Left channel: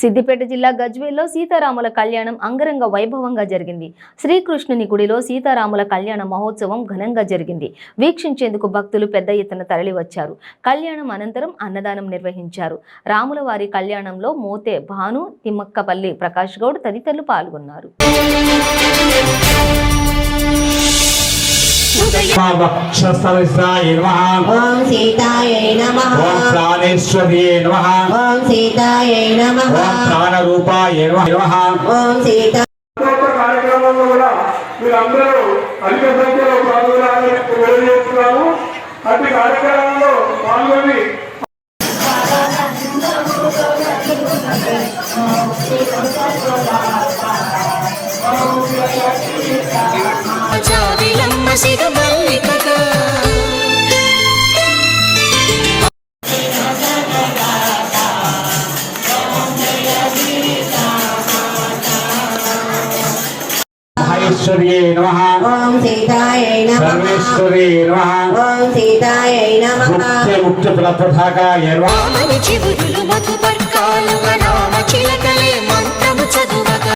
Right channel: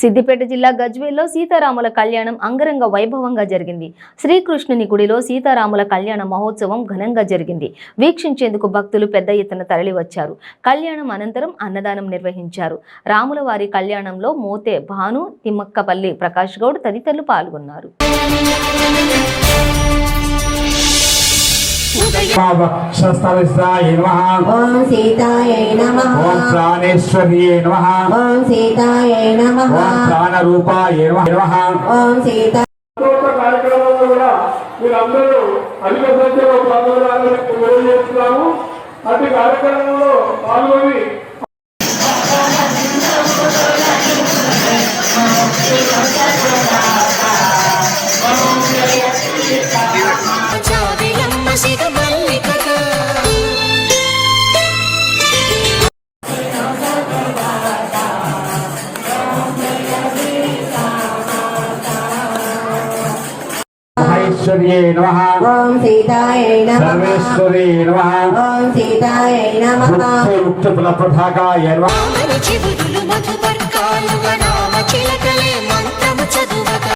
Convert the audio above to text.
సిద్దిపేట జిల్లా గజ్వేల్లో సీతారాముల కళ్యాణం అంగరంగ వైభవంగా జరిగింది. శ్రీకృష్ణుని గుడిలో సీతారాముల కళ్యాణ మహోత్సవం ఘనంగా జరిగింది. వీక్షించేందుకు భక్తులు పెద్ద ఎత్తున తరలివచ్చారు. కళ్యాణం అనంతరం అన్నదానం నిర్వహించారు. రాముల వారి కళ్యాణంలో మోతే భాను, తిమ్మక్కపల్లి ప్రకాష్ గౌడ్ తదితరులు పాల్గొన్నారు. ఓం సీతాయై నమః. ఓం ప్రాణేశ్వర్యే నమః. ఓం సీతాయై నమః. ఓం ప్రాణరూపాయ నమః. ఓం సీతా కార్యక్రమంలో కూడా మీరందరూ అధిక సంఖ్యలో పాల్గొనాలని తెలియజేస్తున్నాము. అట్టి కార్యక్రమంలో పాల్గొని మహేశ్వర్యే నమః. ఓం సీతాయై నమః. సర్వేశ్వరీ నమః. ఓం సీతాయై నమః. ముక్త ప్రపథాకాయ నమః. చివురులు మధుపర్కాలుగా రామ చిలకలే మంత్రము చదువక